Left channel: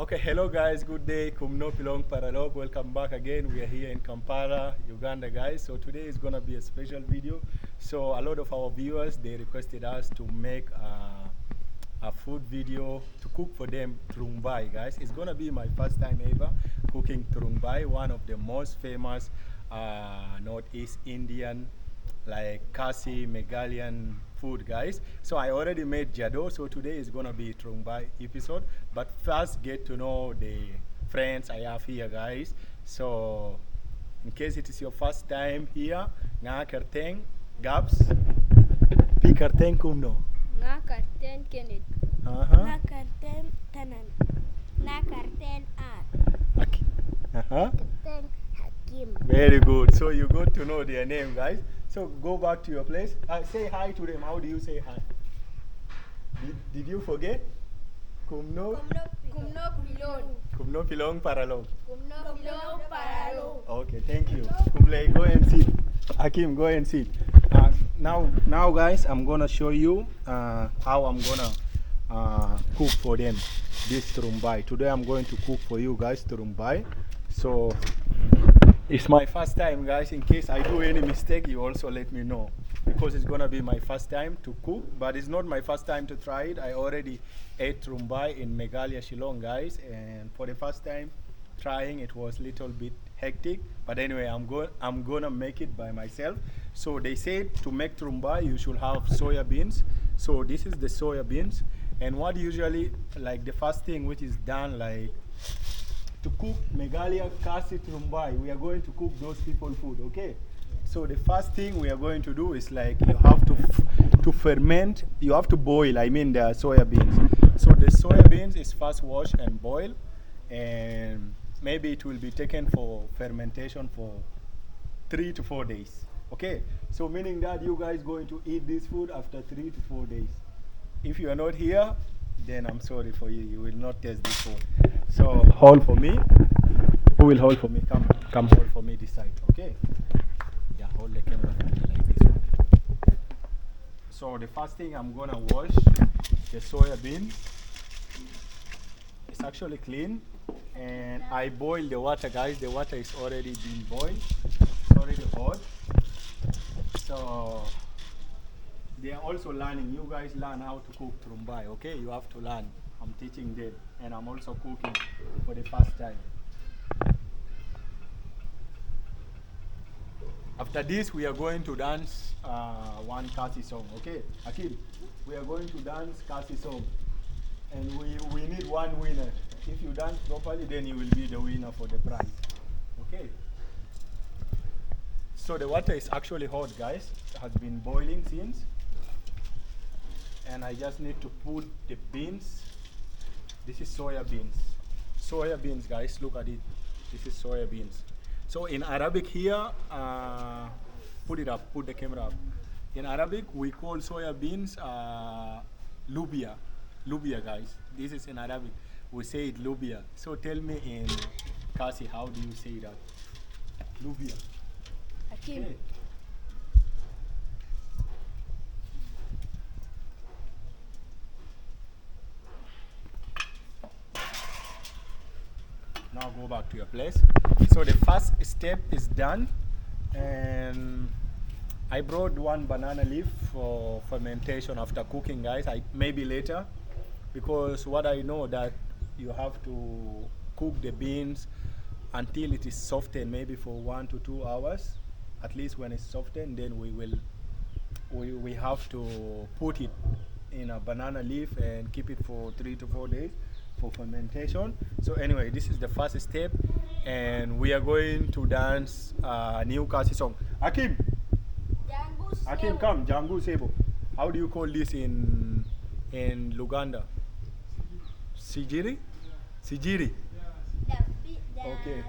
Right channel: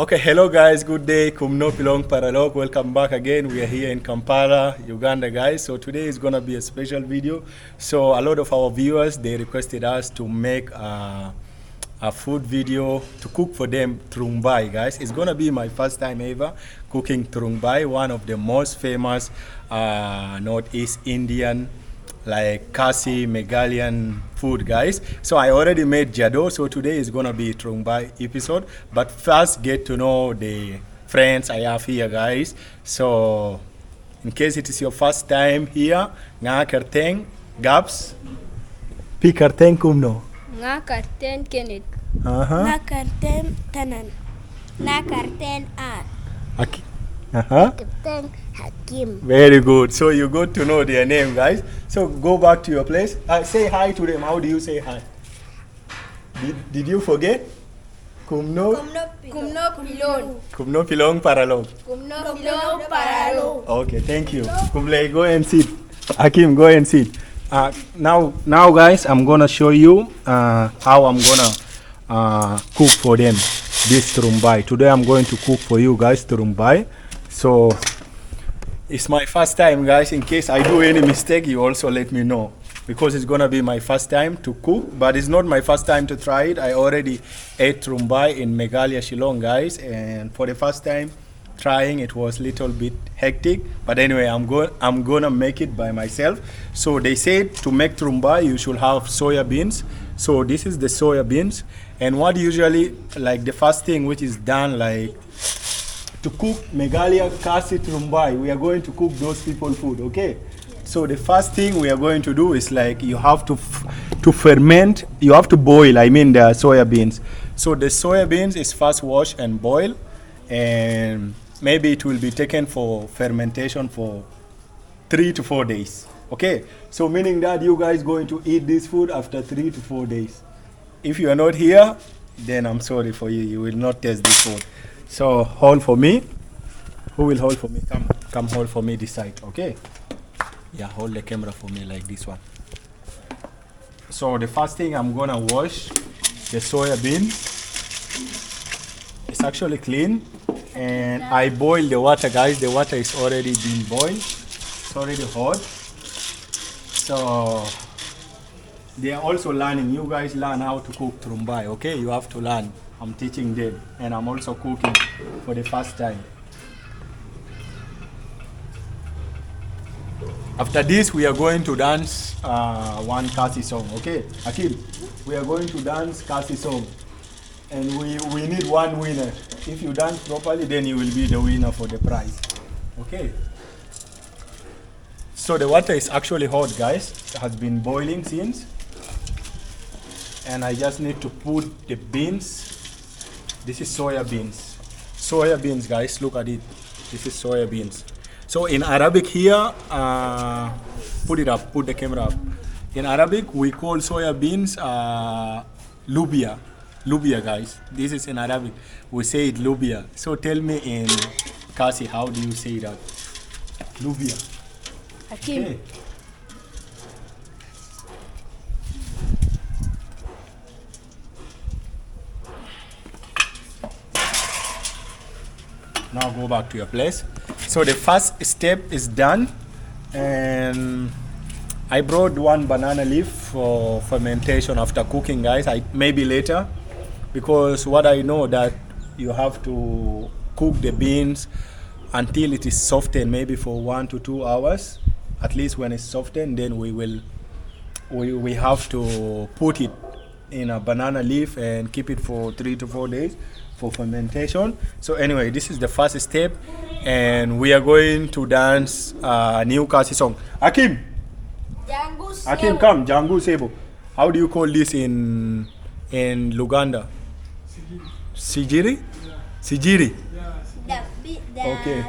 Okay, hello guys, good day. Kumno Pilong Paralog. Welcome back again. We are here in Kampala, Uganda, guys. So today is gonna be a special video. So a lot of our viewers, they requested us to make a food video to cook for them Tungrymbai, guys. It's gonna be my first time ever cooking Tungrymbai, one of the most famous Northeast Indian like Khasi Meghalayan food, guys. So I already made Jadoh, so today is gonna be Tungrymbai episode. But first get to know the friends I have here, guys. So in case it is your first time here, nga kerteng Gabs, pi kerteng kumno. Nga karten Kenneth. Nga karten Tanan. Nga karten Ar. Okay. Karten Hakim. Very good. So you got to know their name, guys. So go back to your place. Say hi to them. How do you say hi? Did you forget? Kumno? Kumno Pilon. Kumno Pilong Paralog. Kumno Pilon Paralo. Okay, thank you. Kumle, go and sit. Hakim, go and sit. Now, guys, I'm gonna show you how I'm gonna cook for them this Tungrymbai. Today, I'm going to cook for you guys Tungrymbai. So it's my first time, guys. In case I do any mistake, you also let me know, because it's gonna be my first time to cook, but it's not my first time to try it. I already ate Tungrymbai in Meghalaya, Shillong, guys, and for the first time trying, it was a little bit hectic. But anyway, I'm gonna make it by myself. So they said to make Tungrymbai, you should have soya beans. So this is the soya beans, and what usually like the first thing which is done like to cook Meghalaya Khasi Tungrymbai, we are going to cook those people food, okay? So the first thing we are going to do is like you have to ferment, you have to boil, I mean the soya beans. So the soya beans is first washed and boiled, and maybe it will be taken for fermentation for 3 to 4 days, okay? So meaning that you guys going to eat this food after 3 to 4 days. If you are not here, then I'm sorry for you, you will not taste this food. So hold for me. Who will hold for me? Come hold for me this side, okay? Yeah, hold the camera for me like this one. So the first thing, I'm gonna wash the soya bean. It's actually clean, and I boil the water, guys. The water is already been boiled. It's already hot. So they are also learning. You guys learn how to cook Tungrymbai, okay? You have to learn. I'm teaching them, and I'm also cooking for the first time. After this, we are going to dance one Khasi song, okay? Akil, we are going to dance Khasi song, and we need one winner. If you dance properly, then you will be the winner for the prize, okay? So the water is actually hot, guys. It has been boiling since, and I just need to put the beans. This is soya beans. Soya beans, guys, look at it. This is soya beans. So in Arabic here, put it up, put the camera up. In Arabic, we call soya beans lubia. Lubia, guys. This is in Arabic. We say it lubia. So tell me in Khasi, how do you say that? Lubia. Hakim. Okay. Now go back to your place. So the first step is done, and I brought one banana leaf for fermentation after cooking, guys. Maybe later, because what I know that you have to cook the beans until it is softened, maybe for 1 to 2 hours. At least when it's softened, then we have to put it in a banana leaf and keep it for 3 to 4 days for fermentation. So anyway, this is the first step, and we are going to dance a new Khasi song. Hakim, come, Jangu Sebo. How do you call this in Uganda? Sijiri? Sijiri? Okay.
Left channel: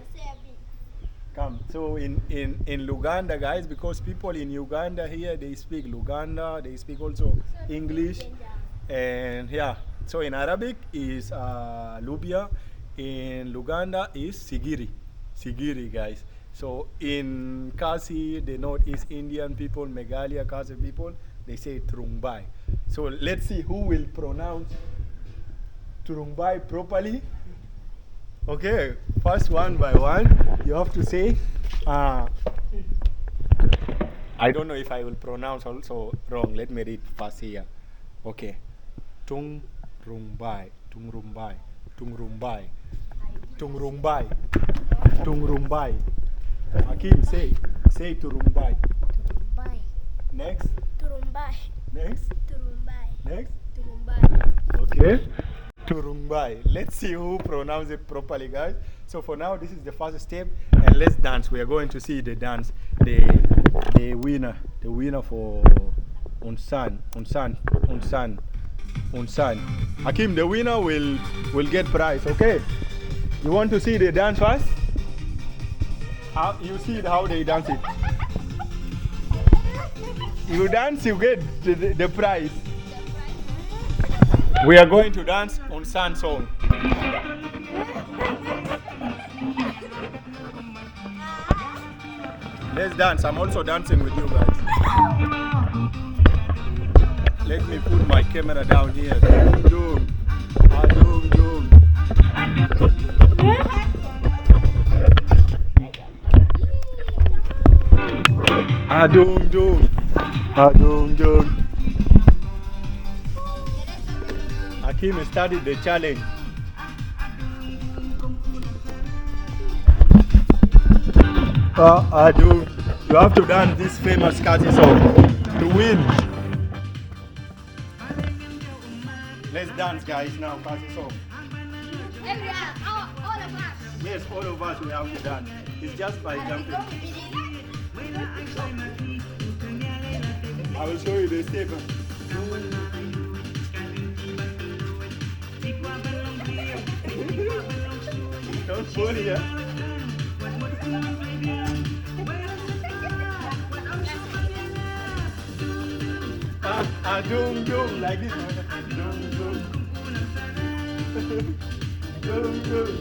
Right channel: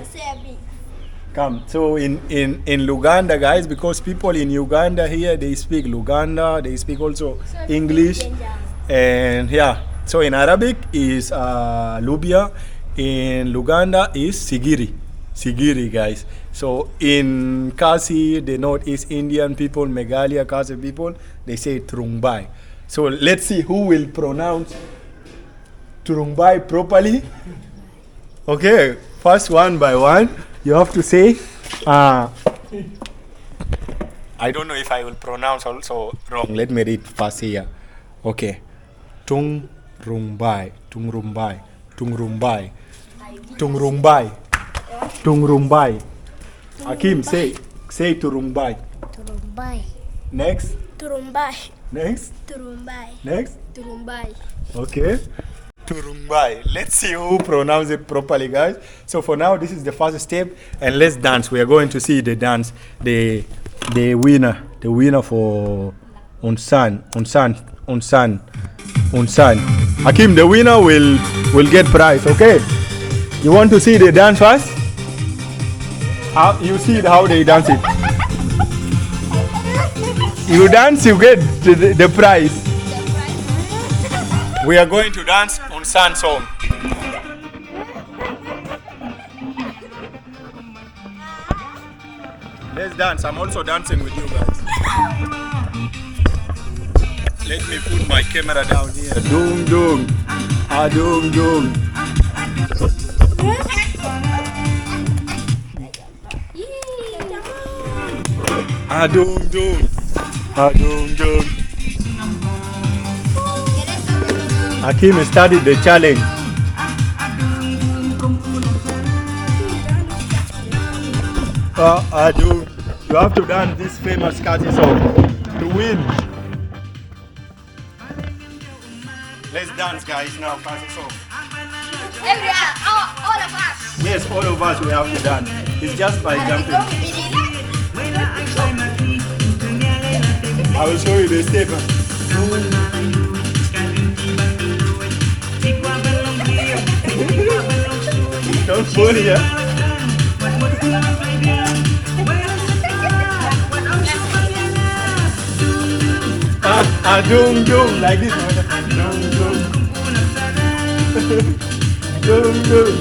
Come. So in Uganda, guys, because people in Uganda here, they speak Luganda, they speak also English, and yeah. So in Arabic is lubia, in Luganda is sigiri. Sigiri, guys. So in Khasi, the Northeast Indian people, Meghalaya Khasi people, they say Tungrymbai. So let's see who will pronounce Tungrymbai properly Okay, first one by one, you have to say, I don't know if I will pronounce also wrong. Let me read first here. Okay. Tungrymbai, Tungrymbai, Tungrymbai, Tungrymbai, Tungrymbai. Hakim, say Tungrymbai. Turumbai. Next, Turumbai. next, Turumbai. next. Tumbai. Okay. Turumbai. Let's see who pronounce it properly, guys. So for now, this is the first step, and let's dance. We are going to see the dance, the winner for Unsan. Hakim, the winner will get prize. Okay. You want to see the dance first? How you see how they dance it? You dance, you get the prize. We are going to dance on San song. Let's dance. I'm also dancing with you guys. Let me put my camera down here. Doom doom. Ah doom doom. Ah doom doom. Ah doom doom. Hakim started the challenge. You have to dance this famous Khasi song to win. Let's dance, guys, now, Khasi song. All of us. Yes, all of us, we have to dance. It's just by jumping. I will show you the step. Don't fall here. Doom doom like this. Doom doom. Doom doom.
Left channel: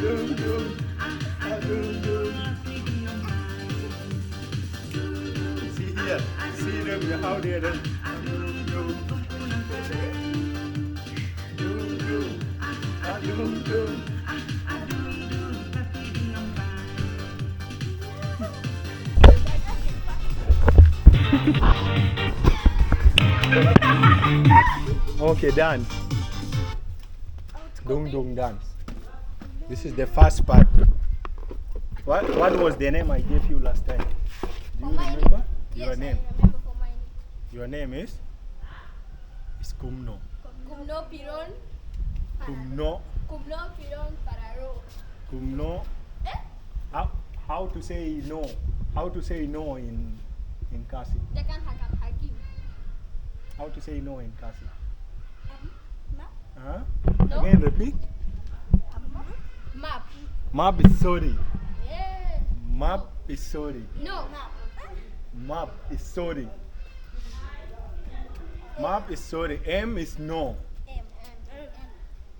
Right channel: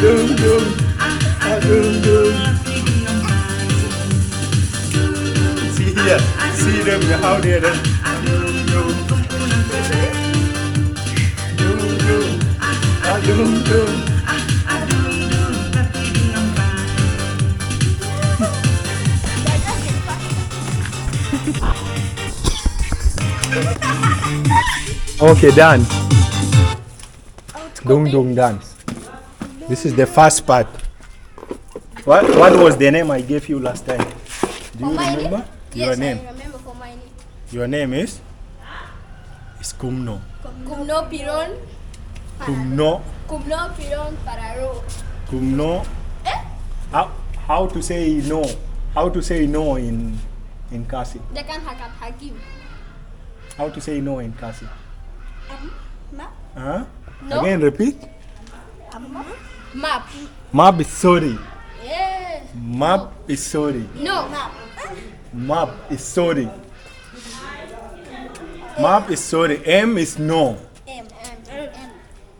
Doom doom. Doom doom. See here. See them how they are done. Doom doom. Doom doom. Doom doom. Okay, dance. Dung dung dance. This is the first part. What was the name I gave you last time? Do you remember? Your name? I remember for my name. Your name is Kumno. Kumno Piron. Kumno. Kumno Piron Pararo. Kumno. How to say no? How to say no in Khasi? Jakan Hakam Hakim. How to say no in Khasi? Map. Huh? No. Again, repeat. Map. Map is sorry. Yes. Map is sorry. No. Map. Map is sorry. Map is sorry. M is no. M.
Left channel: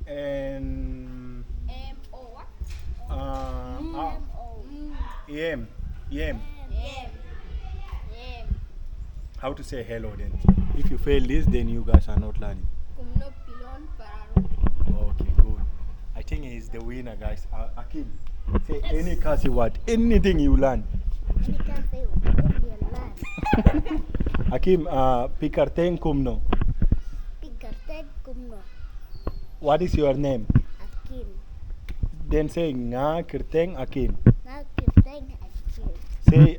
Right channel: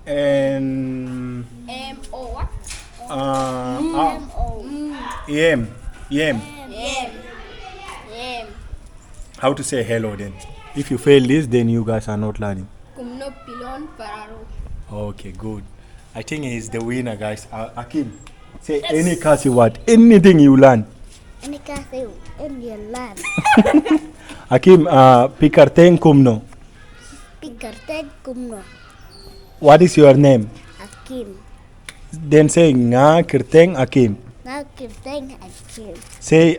And M O what? M. M. How to say hello then? If you fail this, then you guys are not learning. Kumno Pilon Pararo. Okay, good. I think he's the winner, guys. Akim, say any Khasi word, anything you learn. Any Khasi land. Akim, pikarteng kumno. Pikarteng kumno. What is your name? Hakim. Then say nga kirteng Akim. Now kirteng Hakim. Say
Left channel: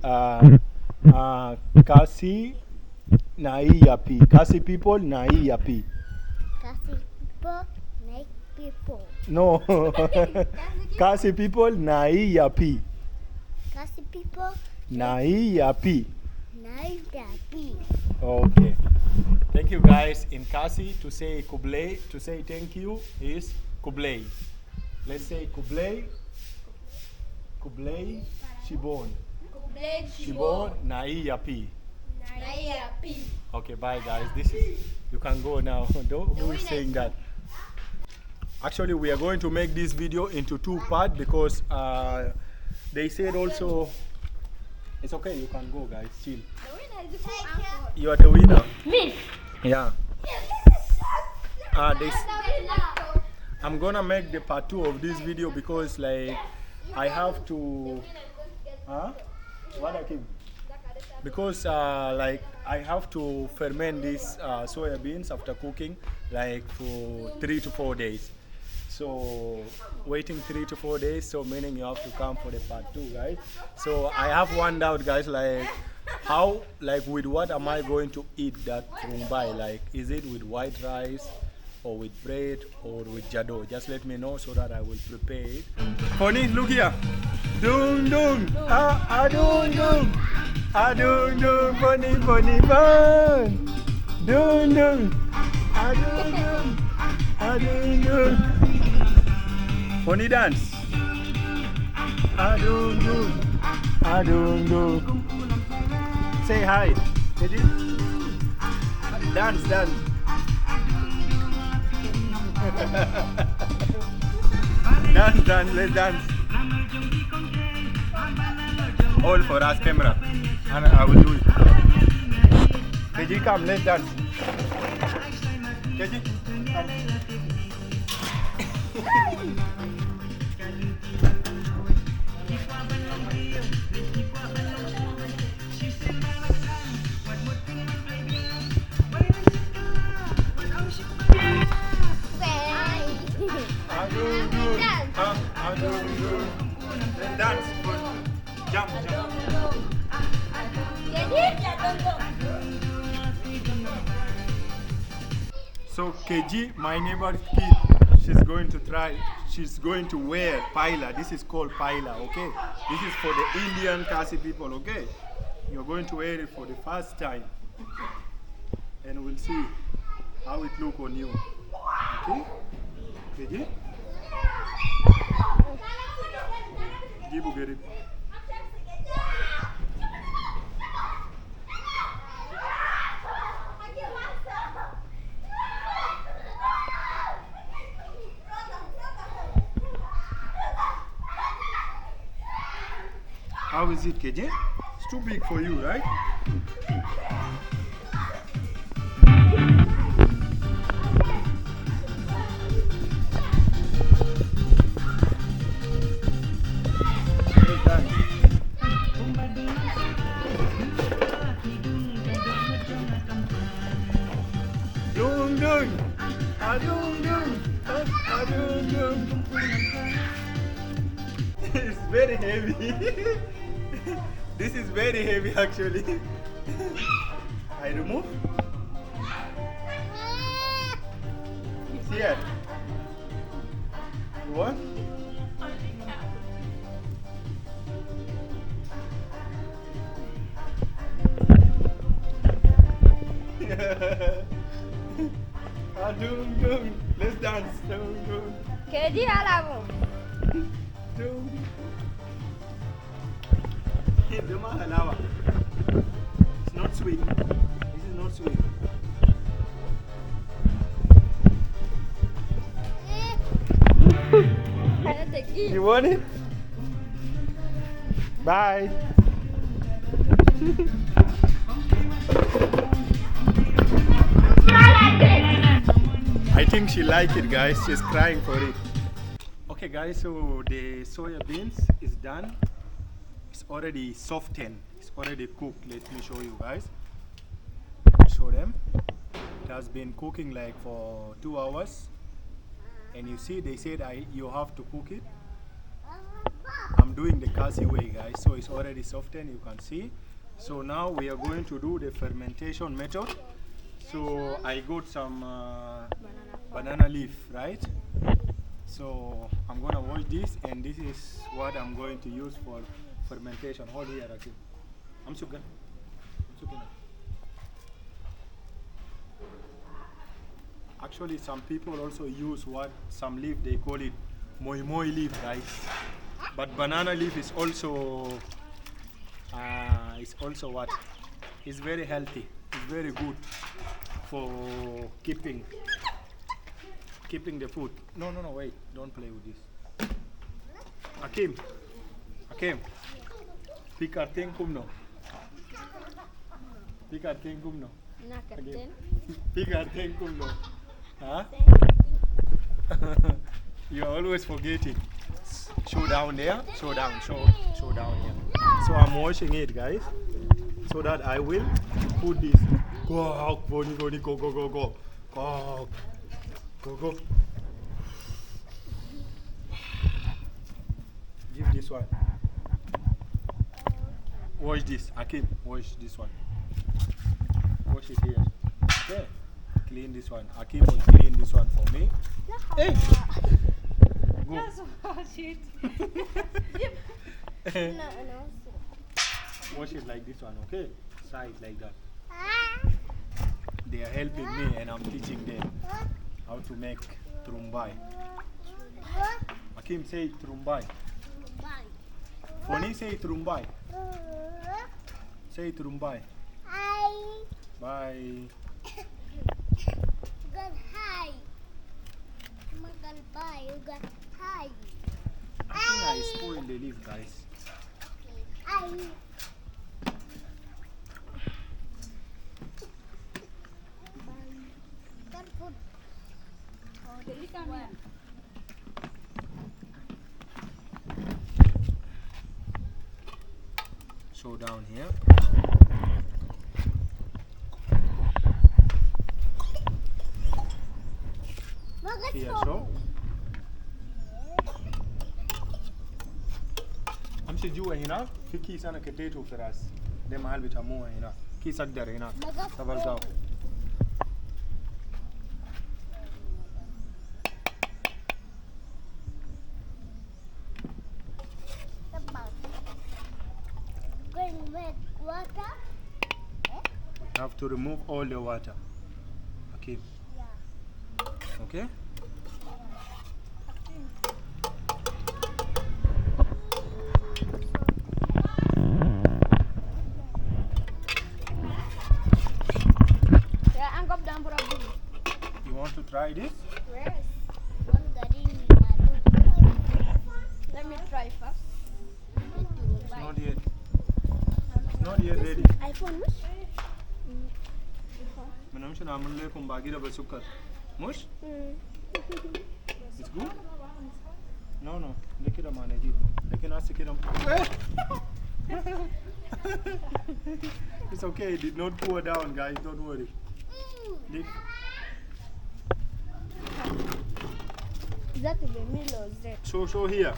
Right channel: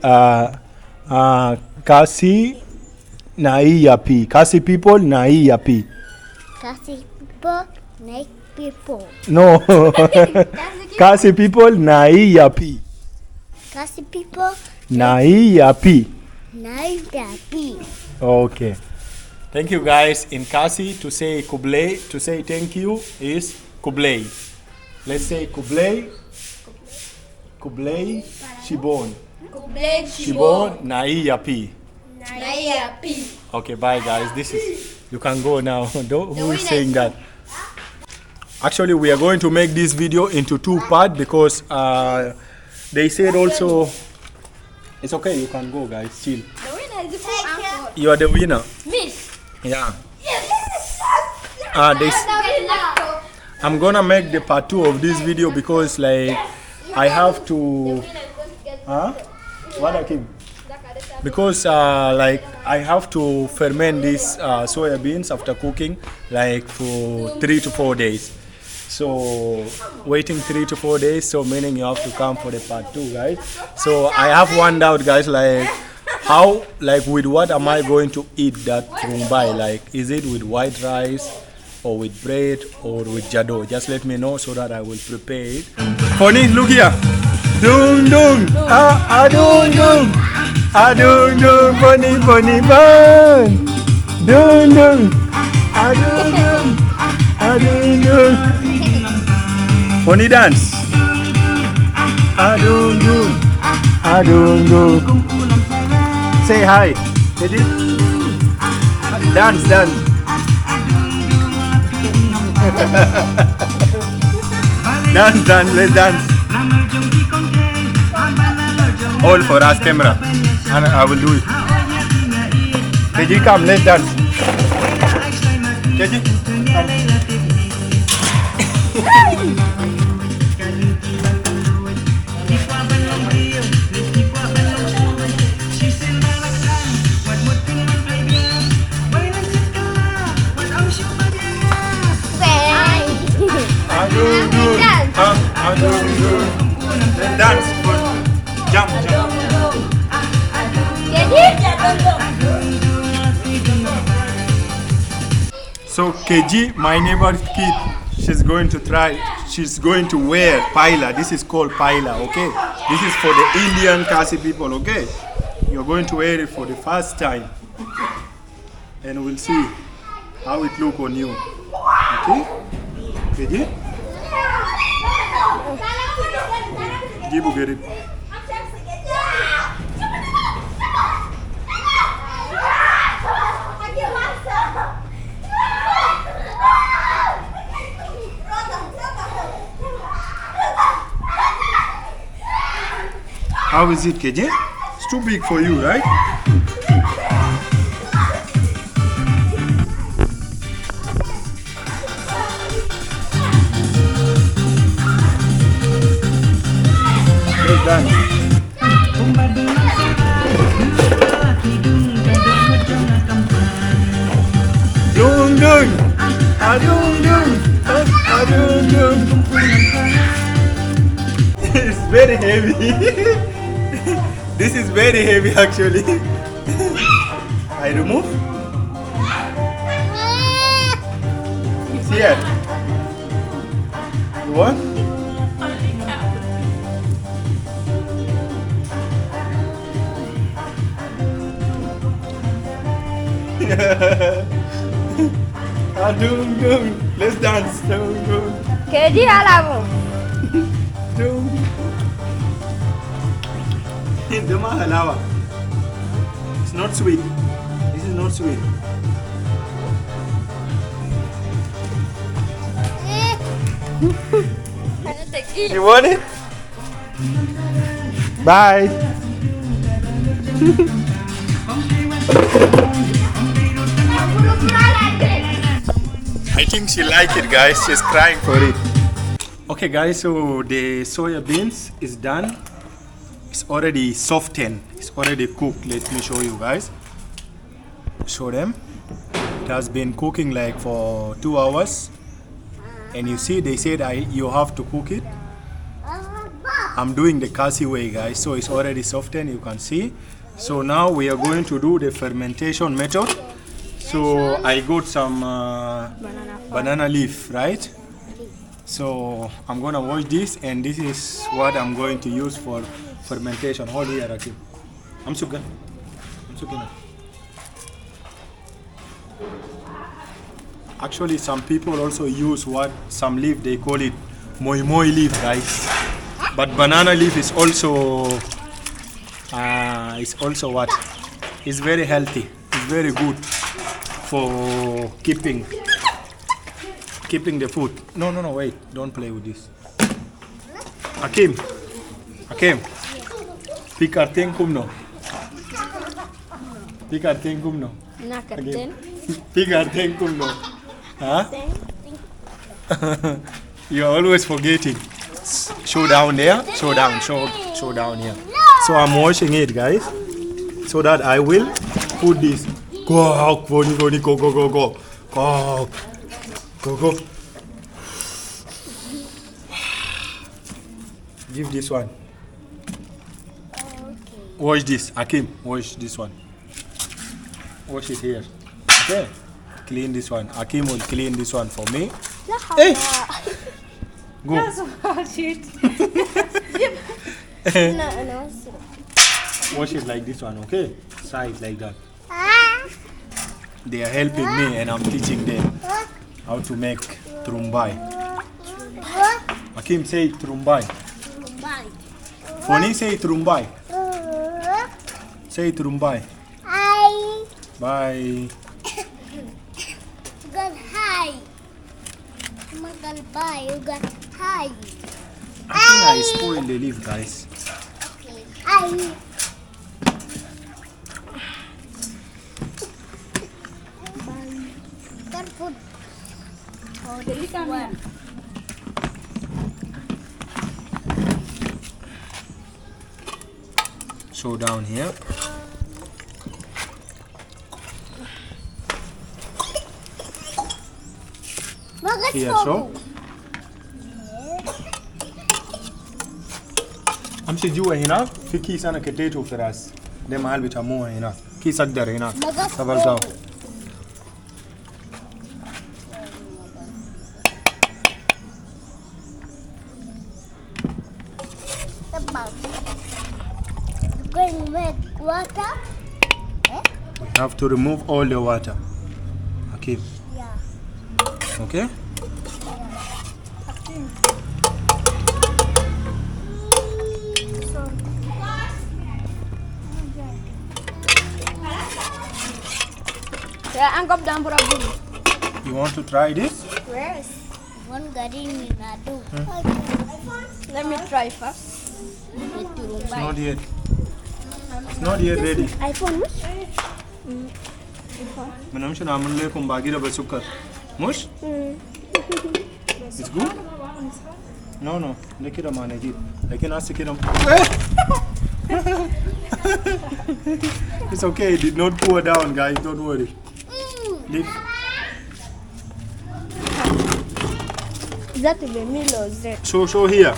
Khasi nai yapi. Khasi people nai yapi. Khasi people, neck people. No. Khasi people nai yapi. Khasi people, Nai yapi. nice happy. Okay. Thank you, guys. In Khasi, to say kublai, to say thank you is kublai. Let's say kublai. Kublai shibon. Kublai Shibon nai yapi. Naya P. Okay, bye, guys. This is, you can go now. Who is saying that? Actually, we are going to make this video into two parts because they said also, it's okay, you can go, guys, chill. The winner is the uncle. You are the winner. Me. Yeah. I'm gonna make the part 2 of this video because like I have to what I keep because like I have to ferment these soya beans after cooking like for 3 to 4 days. So waiting 3 to 4 days, so meaning you have to come for the part 2, guys. So I have one doubt, guys, like how, like with what am I going to eat that Tungrymbai? Like is it with white rice or with bread or with Jadoh? Just let me know so that I will prepare it. Honey, look here. Dung dung, dung dung, dung dung, bunny bunny bun. Dung dung, dung dung, dung dung. Honey dance. Dung dung, dung dung. Say hi. Dance, dance. Dance, dance, let's dance. All for us, camera. And I will do it. Keji, come, let's dance. Keji, come. Let's dance. Jump, jump. So KG, my neighbor's kid, she's going to wear pyrta. This is called pyrta, okay? This is for the Indian Khasi people, okay? You're going to wear it for the first time. And we'll see how it look on you. Okay? KG? Gibu get it. How is it, KJ? It's too big for you, right? Well done. Dung dung, dung dung, dung dung. It's very heavy. This is very heavy actually. I remove. It's here. You want? Dung dung. Let's dance. Dung dung. Keji alamu. Dung. Dema halawa. It's not sweet. This is not sweet. You want it? Bye. I think she like it, guys. She's crying for it. Okay, guys, so the soya beans is done. It's already softened. It's already cooked. Let me show you guys. Show them. It has been cooking like for 2 hours. And you see, they said you have to cook it. I'm doing the Khasi way, guys. So it's already softened, you can see. So now we are going to do the fermentation method. So I got some banana leaf, right? So I'm gonna wash this, and this is what I'm going to use for fermentation. Hold here, Rakim. I'm sugar. Actually, some people also use some leaf, they call it moi moi leaf, guys. But banana leaf is also what? It's very healthy. It's very good for keeping the food. No, wait. Don't play with this. Hakim. Pikarten kumno. Pikarten kumno. Nakarten. Pikarten kumno. Huh? You're always forgetting. Show down there. Show down. Show down here. So I'm washing it, guys, so that I will put this. Go, go, go, go, go, go, go, go, go, go. Give this one. Wash this, Akim. Wash this one. Wash it here. Okay. Clean this one. Akim will clean this one for me. Hey. Go. Wash it like this one, okay? Side like that. They are helping me and I'm teaching them how to make Tungrymbai. Akim, say Tungrymbai. Foni, say Tungrymbai. Say Tungrymbai. Hi. Bye. Got hi. Bye. You got hi. I think I spoiled the leaf, guys. Okay. Hi. Careful. Oh, this one. So down here. Here, so. I'm sure you are enough. Fiki sana keteto for us. The mahal bita mo enough. Ki sagdar enough. Sabar gao. Going with water? We have to remove all the water. Okay. Yeah. Okay? You want to try this? Where's one garden in Adu? Let me try first. It's not yet. It's not yet ready. iPhone? Manam shana amulle kum bagira basukar. Mush? It's good? No. Lekira manegi. Lekin asikira. It's okay. It did not pour down, guys. Don't worry. That will be Milo Z. Show here.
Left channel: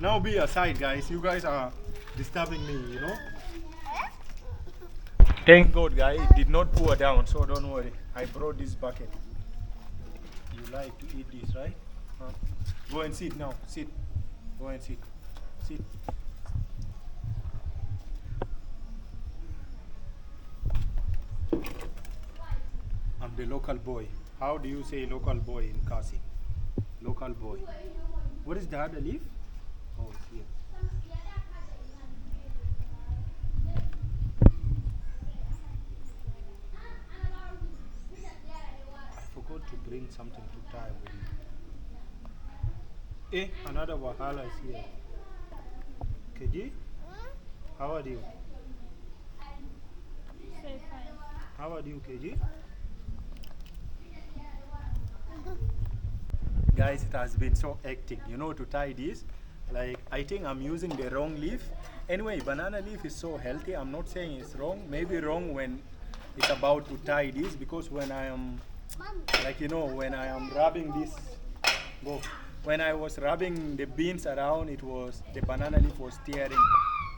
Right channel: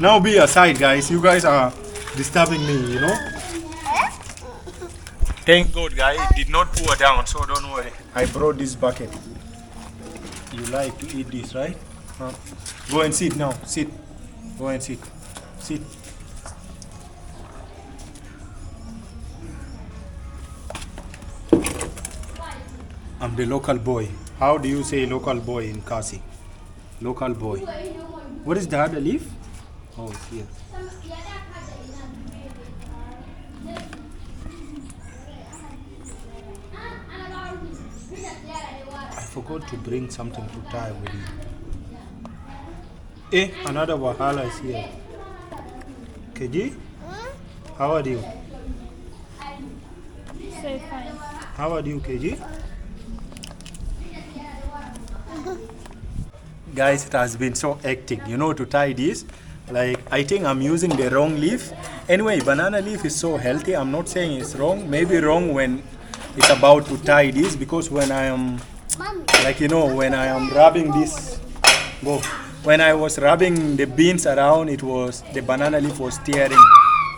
Now be aside, guys. You guys are disturbing me, you know. Thank God, guys. It did not pour down, so don't worry. I brought this bucket. You like to eat this, right? Huh? Go and sit now. Sit. Go and sit. Sit. I'm the local boy. How do you say local boy in Khasi? Local boy. What is the other leaf? Oh, it's here. I forgot to bring something to tie with it. Another wahala is here. KG? How are you? So fine. How are you, KG? Guys, it has been so hectic, you know, to tie this. Like, I think I'm using the wrong leaf. Anyway, banana leaf is so healthy. I'm not saying it's wrong. Maybe wrong when it's about to tie this, because when I am, like, you know, when I am rubbing this, when I was rubbing the beans around, it was, the banana leaf was tearing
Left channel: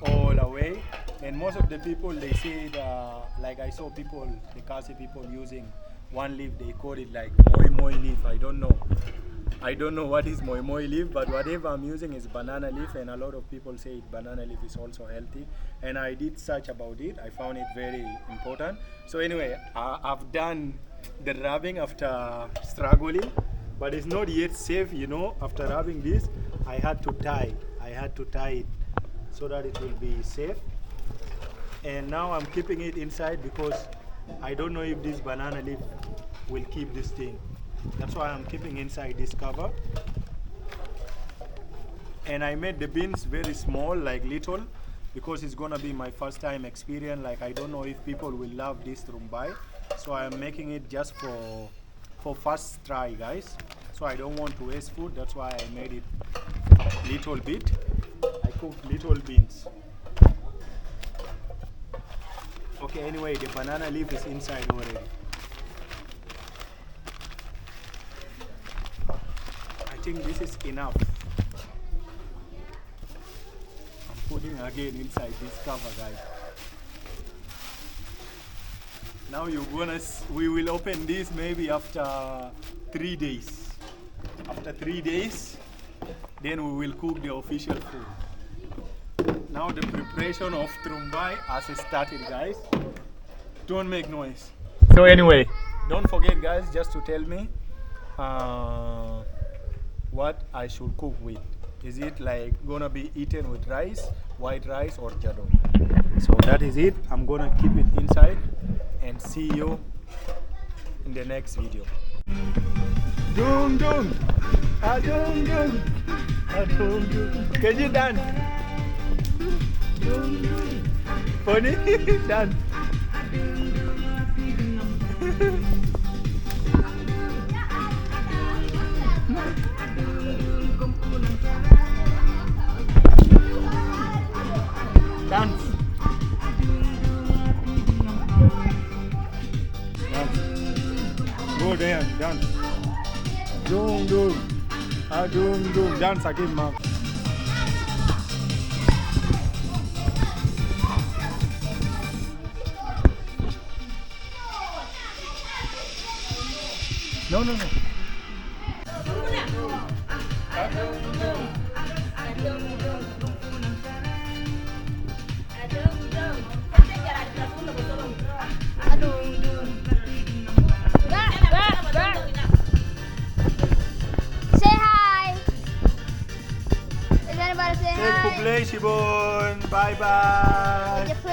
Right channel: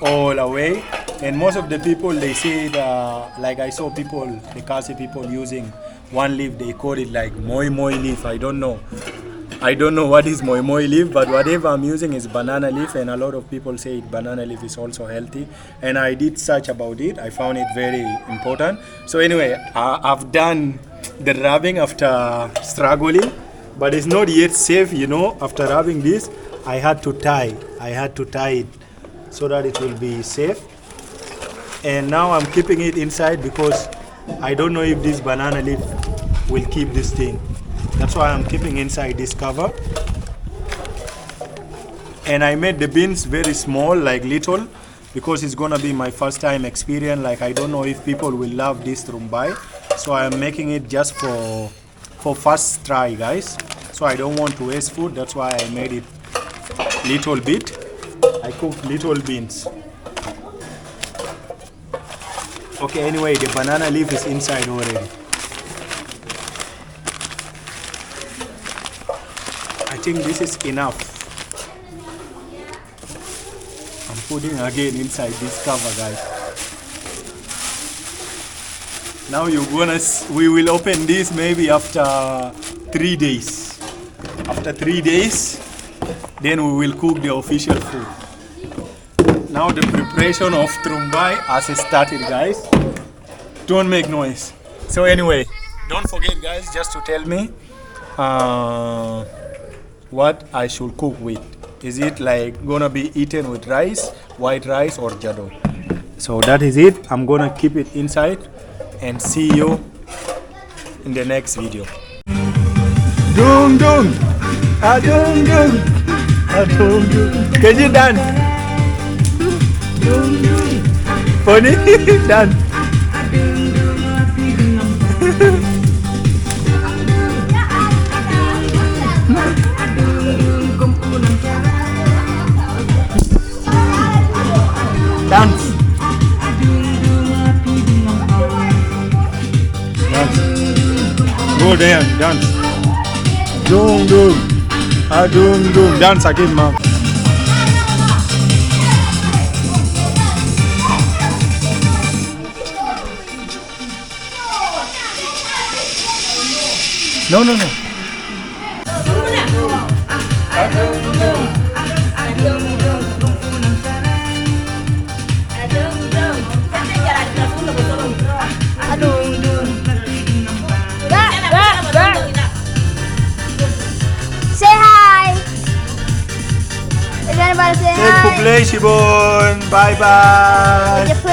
all away. And most of the people, they say, like I saw people, the Khasi people using one leaf, they call it like moi leaf. I don't know what is moi leaf, but whatever I'm using is banana leaf, and a lot of people say banana leaf is also healthy. And I did search about it. I found it very important. So anyway, I've done the rubbing after struggling, but it's not yet safe, you know. After rubbing this, I had to tie it so that it will be safe. And now I'm keeping it inside because I don't know if this banana leaf will keep this thing. That's why I'm keeping inside this cover. And I made the beans very small, like little, because it's gonna be my first time experience. Like, I don't know if people will love this Tungrymbai. So I'm making it just for first try, guys. So so I don't want to waste food. That's why I made it little bit. I cooked little beans. Okay, anyway, the banana leaf is inside already. I think this is enough. I'm putting again inside this cover, guys. Now we will open this maybe after 3 days. After 3 days, then we will cook the official food. Now the preparation of Tumbai has started, guys. Don't make noise. So anyway, don't forget, guys, just to tell me what I should cook with. Is it like gonna be eaten with rice, white rice, or Jadoh? So that is it. I'm gonna keep it inside and see you in the next video. Dung dung, dung dung, dung dung. Can you dance? Dung dung. Funny, dance. Dance. Dance. Go there, dance. Dung dung. Dung dung. Dance again, mom. No, no, no. Say hi. Is anybody say hi? Say Khasi Jadoh. Bye bye. Would you please?